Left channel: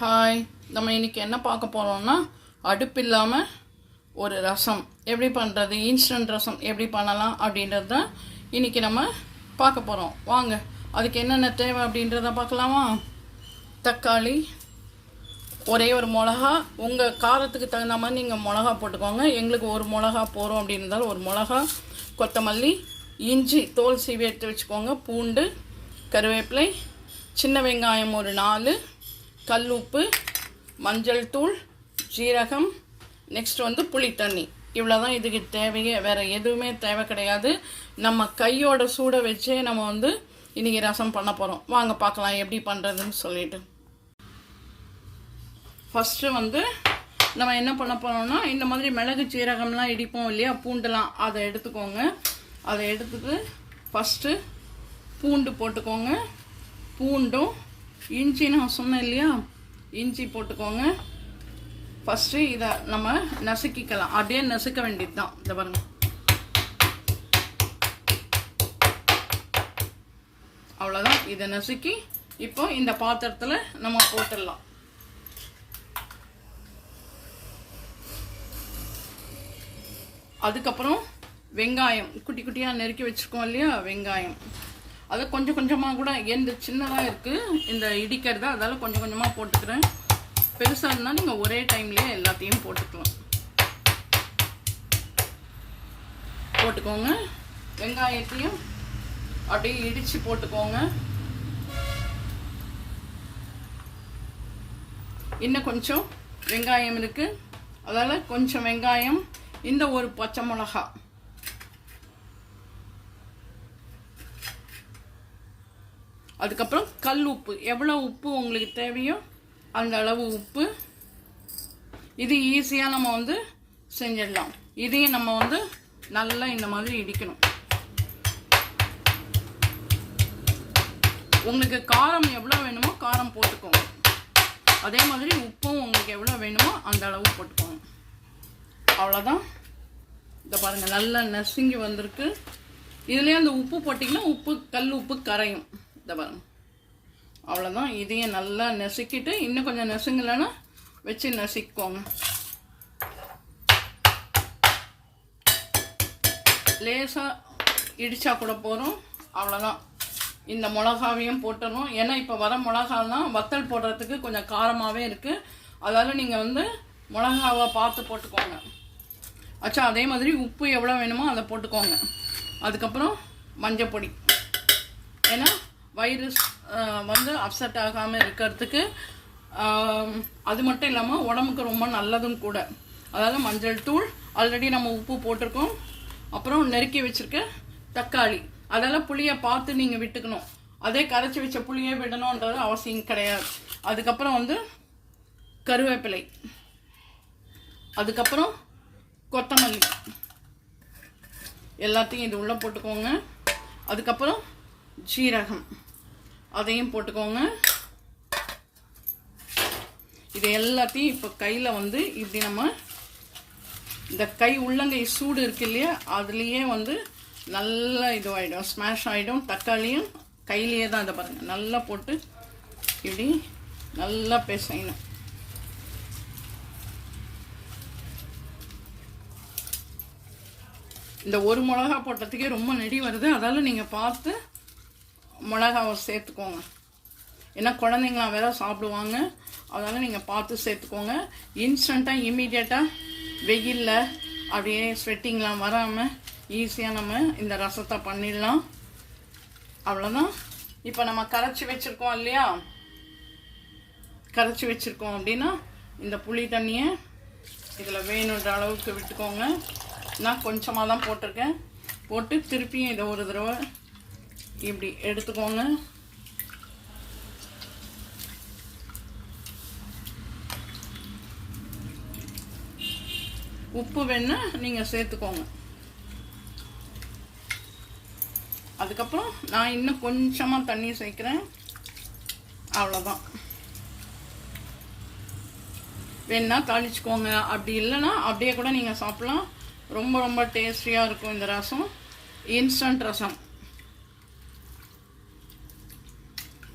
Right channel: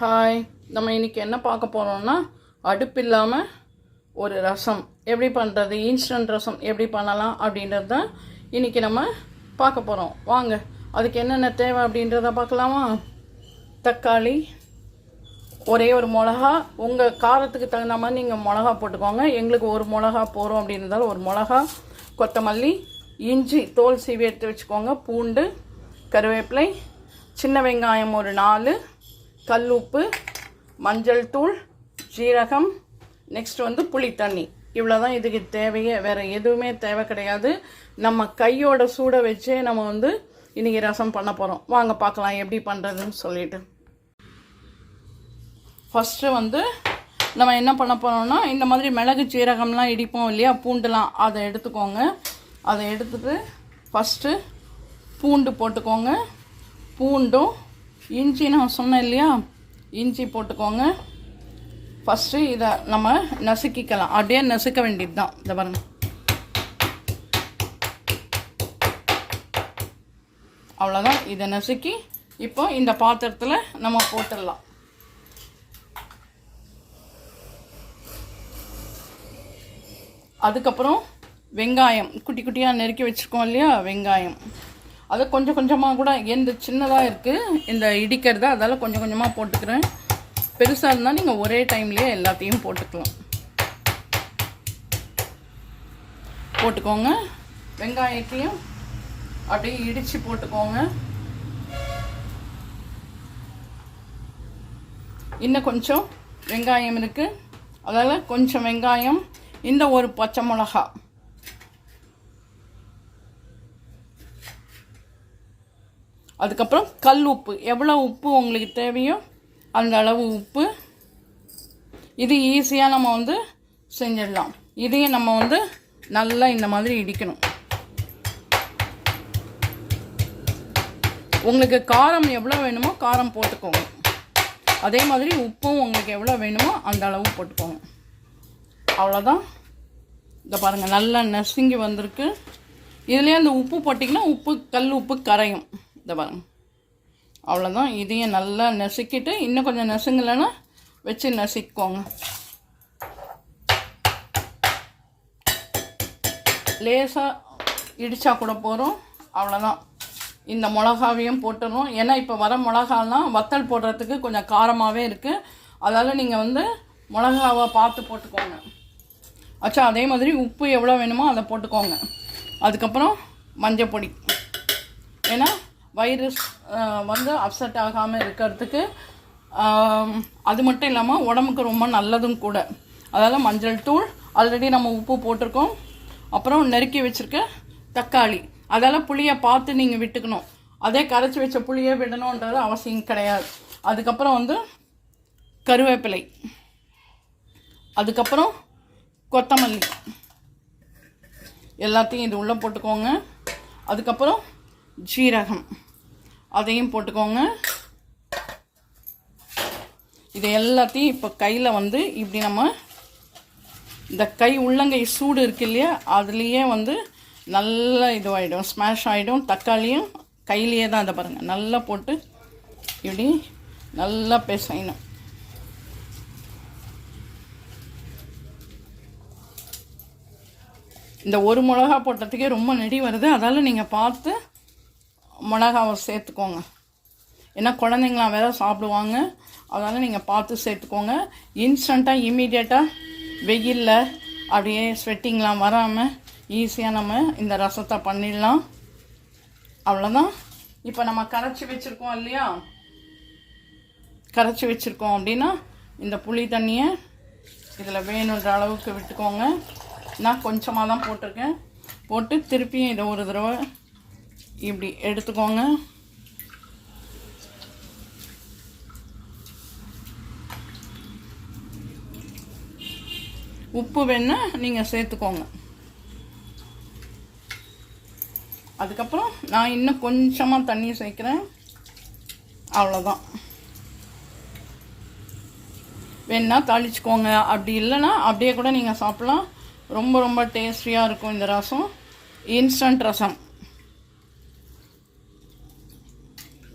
Hi, நம்ம இன்றைக்கி என்ன பார்க்க போகிறோம்னா அடுப்பு இல்லாமல் ஒரு ரசம் எப்படி பண்ணுறது, இன்ஸ்டன்ட் ரசம் எப்படி பண்ணலாம் அப்படின்றது தான் இன்றைக்கி நம்ம பார்க்க போகிறோம். வாங்க, அதுக்கு என்னென்ன தேவை அப்படின்றத பார்க்கலாமா. தக்காளி, ஒரே ஒரு மிளகா, உங்கள் காரத்துக்கு தகுந்த மாதிரி நீங்கள் மிளகா போட்டுக்கோங்க. எங்களுக்கு ஒரு மிளகா போகிறோம் அப்படின்றதால ஒரு மிளகா, கொத்தமல்லி, இஞ்சி தோல் சீவி எடுத்து வச்சுக்கோங்க, பூண்டு, கருவேப்பிலை, சின்ன வெங்காயம் ஒரு 4, கல் உப்பு, மஞ்சள் தூள், ஜீரகம், நெக்ஸ்ட் வந்து புளி தண்ணி. இவ்வளோ தான் இதுக்கு தேவையே, வேறு எதுவுமே தேவை கிடையாது. நம்ம கையோட சூட வச்சே நம்ம வந்து இன்றைக்கி ரசம் பண்ண போகிறோம். வாங்க பார்க்கலாம் எப்படி பண்ணுறதுன்னு சொல்லிட்டு. ஃபஸ்ட்டு வந்து நம்ம என்ன பண்ண போகிறோம்னா, இந்த மாதிரி மிளகு சீரகம்லாம் இடிப்போம் இல்லையா, பூண்டுலாம், அதை எடுத்துக்கோங்க. அதை எடுத்துட்டு ஃபஸ்ட்டு பூண்டு போட்டுக்கோங்க. பூண்டும் இஞ்சி நான் சொன்னேன் இல்லையா, இஞ்சி போட்டுக்கோங்க. ஃபஸ்ட்டு இதை நம்ம நசுக்கிக்கலாம், அப்படியே நசுக்க வேண்டியது தான். இதை பாருங்க, அவ்வளோதான். இதை நசுக்கி இப்போ இந்த பாத்திரத்தில் நம்ம போட்டுடலாம். அதுக்கப்புறம் வெங்காயம் குட்டி குட்டியாக நெருக்கி வச்சுருக்கோம் இல்லையா, வெங்காயம் அதை கொஞ்சம் கொஞ்சமாக கூட, எந்த சின்னதாக இருக்குது இந்த இடிக்கிறது, அதால் கொஞ்சம் கொஞ்சமாக போட்டுக்கிறேன். பெருசாக இருந்தால் நீங்கள் ஒரே டைம்லேயே எல்லாத்தையும் போட்டுக்கோங்க. வெங்காயத்தையும் அப்படியே இடித்து போட்டுக்கோங்க. இன்னும் கொஞ்சம் வெங்காயம் இருக்குது, அதால் கொஞ்சம் வெங்காயம், இந்த ஒரு பச்சை மிளகா, அதுக்கப்புறம் கல் உப்பு, எவ்வளோ உப்பு உங்களுக்கு தேவையோ அந்த அளவு உப்பு. இது ஈஸியாக நம்ம வந்து செஞ்சிடலாம். இதையும் நம்ம வந்து நல்லா இந்த மாதிரி இடிக்கணும். உங்களுக்கு காரம் எவ்வளோ வேணுமோ காரம் போட்டுக்கோங்க. அதே மாதிரி உப்பும் உங்களுக்கு எவ்வளோ வேணுமோ அந்த அளவு போட்டுக்கோங்க. அவ்வளோதான். இதை பாருங்கள், நல்லா நசுங்கி வந்திருக்கு. இதுலேயே அந்த உப்பு போட்டிங்கன்னா உப்பு, கல் உப்பு கரையும். இதை பாருங்க, அவ்வளோதான். இதையும் நல்லா நசுக்கிட்டு, இன்னும் கொஞ்சம் நசுங்கலைன்னா வச்சு நசுக்கோங்க. லேசாக இடித்தா கூட போகிறோம். அவ்வளோதான். இந்த மிளகாவையும் போட்டுடணும். ஏன்னா இப்போ வர மிளகாலாம் வத்தல் போடுறதுக்கு கொஞ்சம் காரமாகவே இருக்குது. அதால் நீங்கள் வந்து மிளகாவை பார்த்து போட்டுக்கோங்க. ஆச்சா, அதே மாதிரி உப்பு எவ்வளோ வேணுமோ அதை போட்டுக்கோங்க. அதுக்கப்புறம் மஞ்சள் பொடி, ஏன்னா வைரஸ் வந்து அப்செட் ஆகாமல் இருக்கிறதுக்கு. அது மட்டும் இல்லாமல் உடம்புக்கு ரொம்ப நல்லதும் கூட. அதாவது மஞ்சள் தூள், ஆல்ரெடி நம்ம உப்பு போட்டிருக்கோம். அப்புறம் நெருக்கி வச்சுருக்க தக்காளி, அதால் புளியை பார்த்து நீங்கள் விட்டுக்கணும். அதே கரைச்சி வச்ச புளியே விடணுன்றது அவசியம் கிடையாது. அதுக்கப்புறம் வந்து கருவேப்பிலை, அதுக்கப்புறம் கொத்தமல்லி, எல்லாத்தையும் இது உள்ளே போட்டுக்கோங்க. அதுக்கப்புறம் ஜீரகம், அதையும் போட்டுக்கோங்க. இது எல்லாத்தையும் இப்போ கையில் வந்து இப்படி நம்ம இந்த கை உள்ளங்கை சூடு இருக்கு இல்லையா, அதுலேயே வந்து நல்லா இதுவாகிடும், ஸ்மாஷ் ஆகிடும். தக்காளியும் கையிலேயே தான், இதை பாருங்கள், நல்லா போட்டு இப்படி நல்லா பிசையணும். இந்த ஒரு மிளகா போட்டதுக்கே ரொம்ப நெடி வருது. அதால் நீங்கள் பார்த்து மிளகாவை சேர்த்துக்கோங்க. ஏன்னா குழந்தைங்களாம் வேறு சாப்பிடுவாங்க. அதனால் நீங்கள் பார்த்து சேர்த்துக்கோங்க. இன்ஸ்டண்ட்டாக இம்மீடியட்டாக வெயிலில் அப்படியே ஸ்வெட்டிங்லாம் வராமல் ஈஸியாக நம்ம இந்த ரசத்தை பண்ணிடலாம். அவ்வளோதான். இப்போ நம்ம கரைச்சி வச்சுருக்கோம் இல்லையா, கரைச்சி வச்சுருக்கோம் அப்படின்னா இந்த புளி தண்ணியை இதில் வேணுன்ற அளவுக்கு விட்டுக்கோங்க. நான் கொஞ்சமாக தான் போட்டிருக்கேன். போட்டு திருப்பியும் இதை ஒரு தடவை இப்படி எடுத்துக்கோங்க. உப்பு வேணா நீங்கள் சேர்த்துக்கோங்க. அதுக்கப்புறம் நான் இன்னும் கொஞ்சமாக தண்ணி சேர்க்குறேன். அவ்வளோதான். வேணா தாளிச்சுக்கோங்க, அப்படி இல்லைன்னா அப்படியே கூட நீங்கள் சாப்பிட்லாம். ரொம்ப ரொம்ப டேஸ்டியாக இருக்கும் இந்த ரசம். இன்ஸ்டன்ட் ரசம்.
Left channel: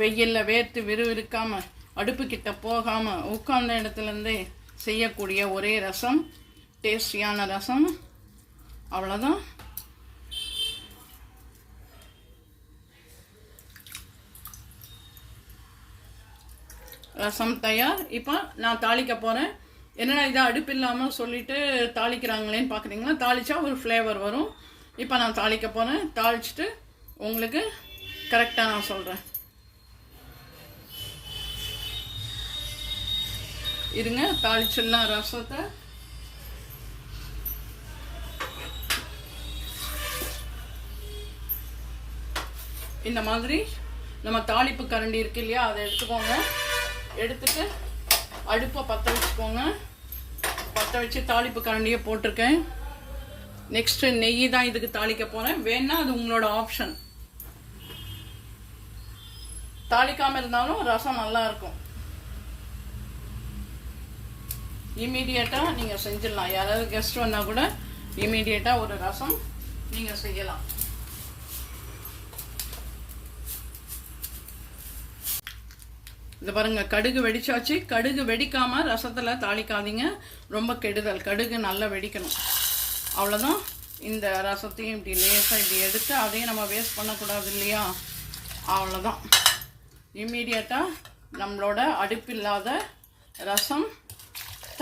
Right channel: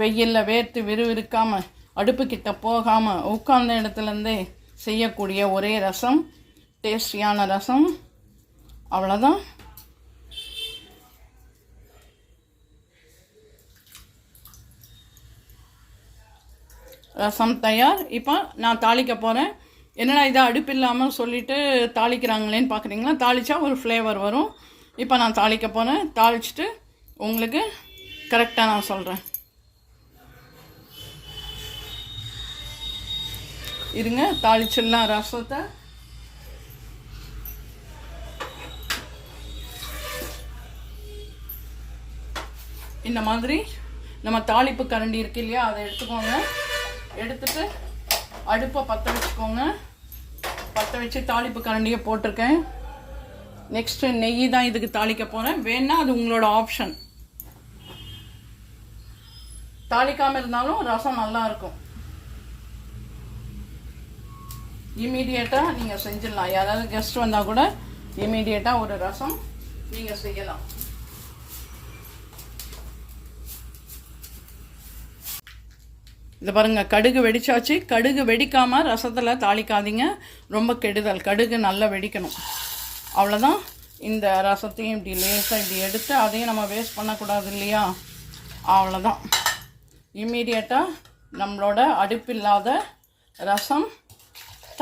வெயிலில் வேர்த்து விறுவிறுக்காமல் அடுப்புக்கிட்ட போகாமல் உட்கார்ந்த இடத்துலேருந்தே செய்யக்கூடிய ஒரே ரசம், டேஸ்டியான ரசம். அவ்வளோதான். ரசம் தயார். இப்போ நான் தாளிக்க போகிறேன். என்னடா இதை அடுப்பு இல்லாமல் சொல்லிவிட்டு தாளிக்கிறாங்களேன்னு பார்க்குறீங்களா? தாளித்தா ஒரு ஃப்ளேவர் வரும். இப்போ நான் தாளிக்க போகிறேன். தாளிச்சிட்டு உங்களுக்கு கரெக்டாக நான் சொல்கிறேன். இருங்க, தாளிச்சிடலாம் ரசத்தை. இந்த மாதிரி நம்ம தாளிப்பு கரண்டி இருக்கு இல்லையா, அதை எடுத்துக்கோங்க. எடுத்துட்டு அடுப்பை பற்ற வச்சுக்கோங்க. பற்ற வச்சு தாளிப்பு கரண்டியை போட்டிருக்கேன். நெக்ஸ்ட்டு நெய் தான் இதுக்கு தாளிக்க போகிறேன். வேணா அது உங்களோட ஆப்ஷன். தாளிக்காமல் இருந்தாலும் ரசம் நல்லா இருக்கும். இமீடியட்டாக நீங்கள் செஞ்சிடலாம். யாராவது கெஸ்ட் வந்தால் கூட இமீடியட்டாக ஒரு ரசம் நீங்கள் செய்யலாம். இது பாருங்க, கடுகு வெடிச்சாச்சு. கடுகு வெடிக்காமல் ரசத்தில் தாளிக்காதீங்க, ரொம்ப கெடுதல். கடுகு நல்லா வெடிக்கணும். அவ்வளோதான். இந்த ரசத்தையும் இப்படி லேசாக இப்படி எடுத்து அதையும் நம்ம வேஸ்ட் பண்ணக்கூடாது இல்லையா? அவ்வளோதான். இம்மீடியட்டாக நம்மளோட அடுப்பில்லாத ரசம்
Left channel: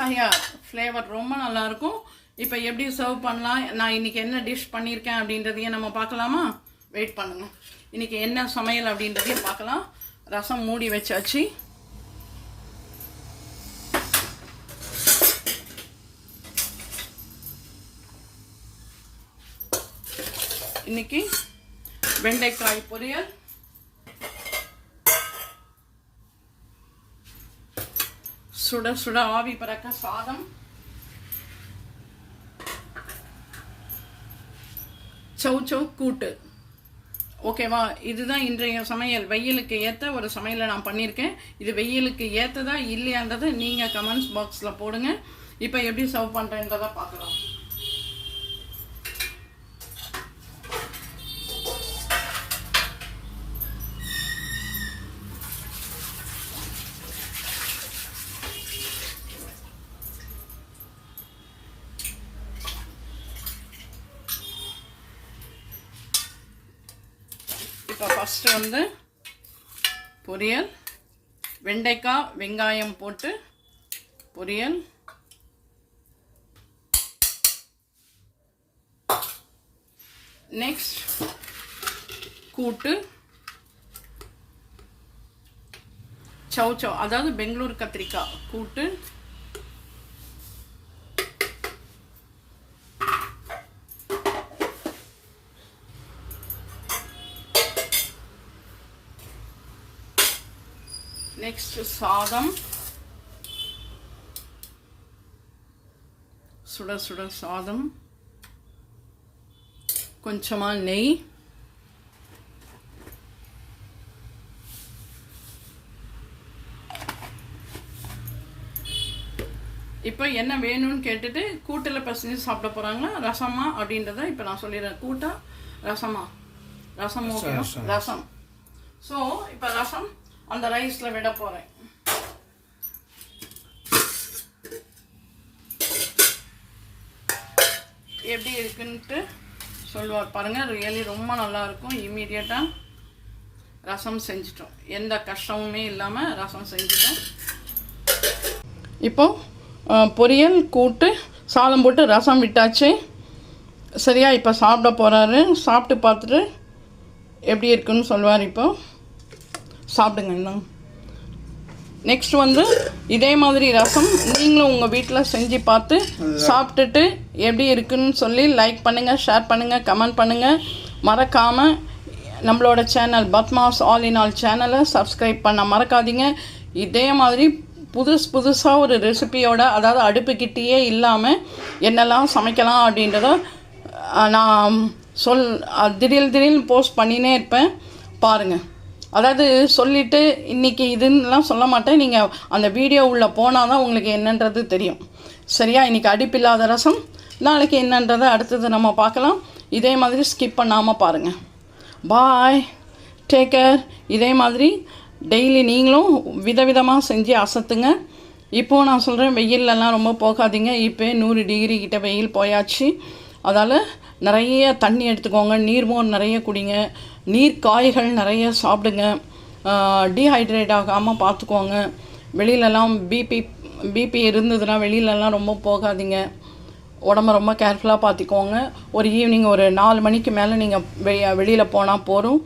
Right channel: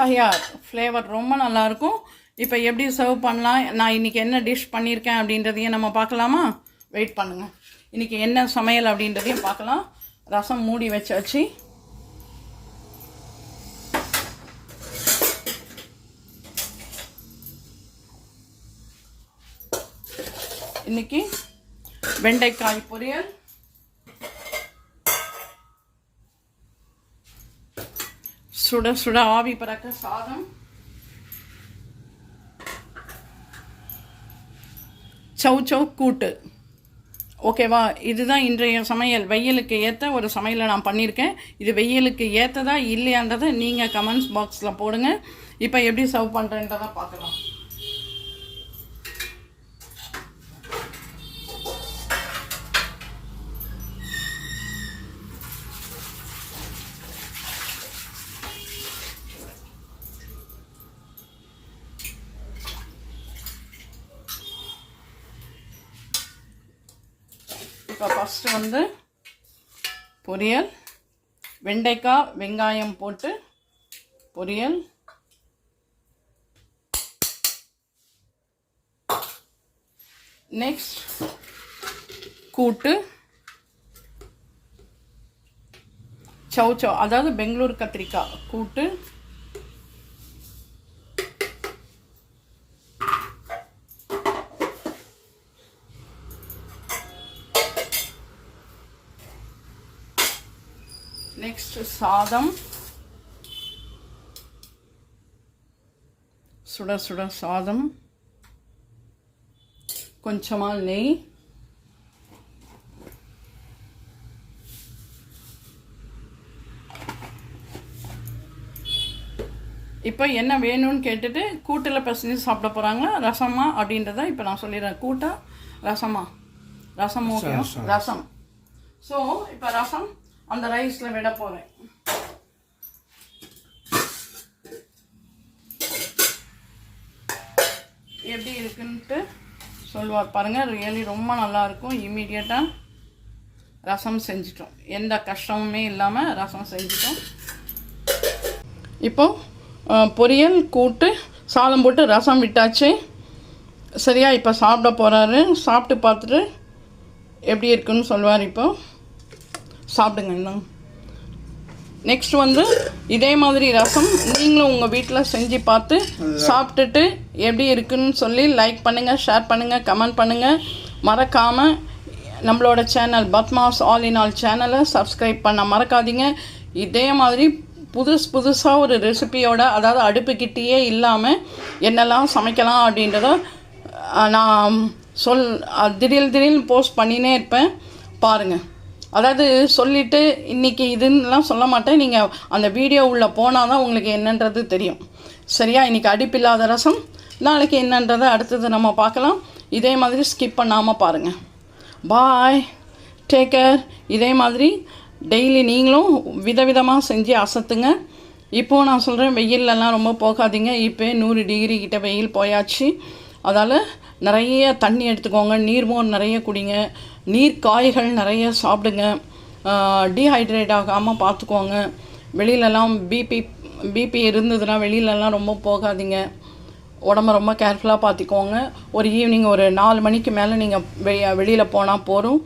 தயார். ஃப்ளேவர் ரொம்ப நல்லாயிருக்கும். இப்போ எப்படி சர்வ் பண்ணலாம், நான் இன்றைக்கி என்ன டிஷ் பண்ணியிருக்கேன் அப்படின்றதையும் நம்ம பார்க்கலாமா? வெயிட் பண்ணுங்கள். இன்றைக்கி என்ன சமையல் அப்படின்றதையும் பார்க்கலாம். ரசம் மூடி வச்சாச்சு. இன்னைக்கு வெண்டைக்காய் பொரியல், சுட சுட ஆவி பறக்க சாதம், சௌ கூட்டு. ஓகேவா? இதுதான் இன்றைய சமையல். வெயிலுக்கு ஏற்ற ஒரு சமையலை நான் பண்ணியிருக்கேன். இது வெயிலுக்கு ஏற்றதா இல்லையான்றதை நீங்கள் கமெண்ட்ஸ் பாக்ஸில் போடுங்க. இப்போ எப்படி சர்வ் பண்ணுறேன்றதை பார்க்கலாம். இப்போ ஃபஸ்ட்டு வந்து பொரியல், வெண்டைக்காய் வெங்காயம் போட்டு பொரியல். நெக்ஸ்ட் கூட்டு, சௌ அதாவது பெங்களூர் கத்திரிக்காய் கூட்டு. நெக்ஸ்ட் சாதம், சுட சுட சாதம், கொஞ்சமாக நெய், இப்போ என்ன வேணும்னு கேட்டுட்டு கூட்டில் பிசைஞ்சு சாப்பிட போகிறாங்க. ரசமா அப்படின்றத இப்போ நான் சொல்லிடுறேன். கூட்டா ரசமா? ரசம் ஓகே, ரசம். ஸோ இப்போ ரசம் அந்த ரைஸில் விட போகிறேன். எப்படி இருக்குன்ட்டு சொல்லுவார் பாருங்கள். ரியலி ரொம்ப நல்லாயிருக்கும். இம்மீடியட்டாக ரசம் செஞ்சிட்டோம். எந்த கஷ்டமுமே இல்லாமல் ரசம் செஞ்சிட்டோம். இப்போ பொரியல் கூட்டு சாதம் போட்டு ரசம் விட்டாச்சு. சரியா? இப்போ சாப்பிட போகிறாரு. சாப்பிட்டு பார்த்துட்டு எப்படி இருக்குன்னு சொல்லுவார். இப்போ சாப்பிடுங்க. இன்னும் நெக்ஸ்ட் வந்து இதே மாதிரி ரசம் நீங்களும் உங்கள் வீட்டில் செஞ்சு பார்த்து சாப்பிட்டுட்டு எப்படி இருக்குன்னு சொல்லி லைக் பண்ணுங்கள், ஷேர் பண்ணுங்கள், கமெண்ட் பண்ணுங்கள். மறக்காமல் நம்மளோட channel Padma's all in all சேனலை சப்ஸ்கிரைப் பண்ண மறக்காதீங்க. இதே மாதிரி புதுசாக ஒரு ரெசிபியோட, அதாவது அடுப்புக்கிட்டேயே இல்லாமல் என்னெல்லாம் சமைக்கலாம் அப்படின்றத நான் திடீர்னு போஸ்ட் பண்ணினே இருப்பேன். பாருங்கள். அதாவது சொல்லிவிட்டு இன்றைக்கி இதுன்னெலாம் சொல்ல மாட்டேன். நீங்கள் அந்த வீடியோ உள்ளே போனால் தான் உங்களுக்கு என்னன்றது தெரியும். சரியா? இன்றைக்கி அடுப்பில்லாத ரசம், நாளைக்கு என்னன்றதை அடுத்தது நம்ம பார்க்கலாம். இதே மாதிரி ஸ்கிப் பண்ணாமல் பாருங்கள். பாய், டேக் கேர். இதே மாதிரி டெய்லி நீங்களும் விதவிதமாக செஞ்சு அசத்துங்க. இப்போது நான் சொல்கிறேன், வெயிலெல்லாம் ரொம்ப போகாதீங்க. இப்போ 100 டிகிரி கிட்ட வெயில் போயாச்சு. அதால் நிறைய தண்ணி எடுத்துக்கோங்க, நீர்மோர் நிறைய குடிங்க, நீர் காய்கள் நிறைய சாப்பிடுங்க, டீஹைட்ரேட் ஆகாமல் பார்த்துக்கோங்க. வெளியிலலாம் பிபி இருந்ததுன்னா வெளியிலலாம் ரொம்ப போகாதீங்க. உடம்ப ரொம்ப கேர்ஃபுல்லாக பார்த்துக்கோங்க. ஒரு ஈவினிங் ஒரு 4 மணிக்கு மேலே நீங்கள் வெளியில் போனால் போதும்.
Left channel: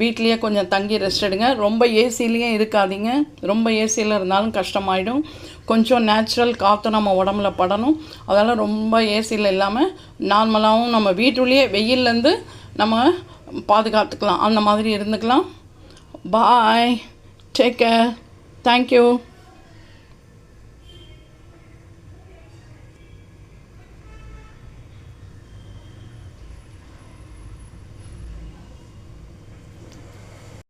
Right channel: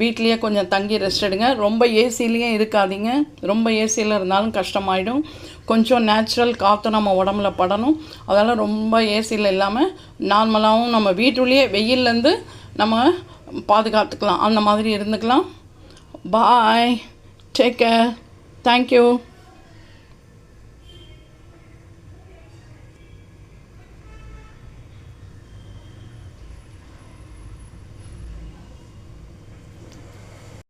வீட்லேயே கொஞ்சம் தங்கி ரெஸ்ட் எடுங்க. ரொம்ப ஏசிலேயே இருக்காதீங்க. ரொம்ப ஏசியில் இருந்தாலும் கஷ்டமாயிடும். கொஞ்சம் நேச்சுரல் காற்று நம்ம உடம்புல படணும். அதனால் ரொம்ப ஏசியில் இல்லாமல் நார்மலாகவும் நம்ம வீட்டுள்ளேயே வெயிலேருந்து நம்ம பாதுகாத்துக்கலாம். அந்த மாதிரி இருந்துக்கலாம். பாய், டேக் கேர், தேங்க்யூ.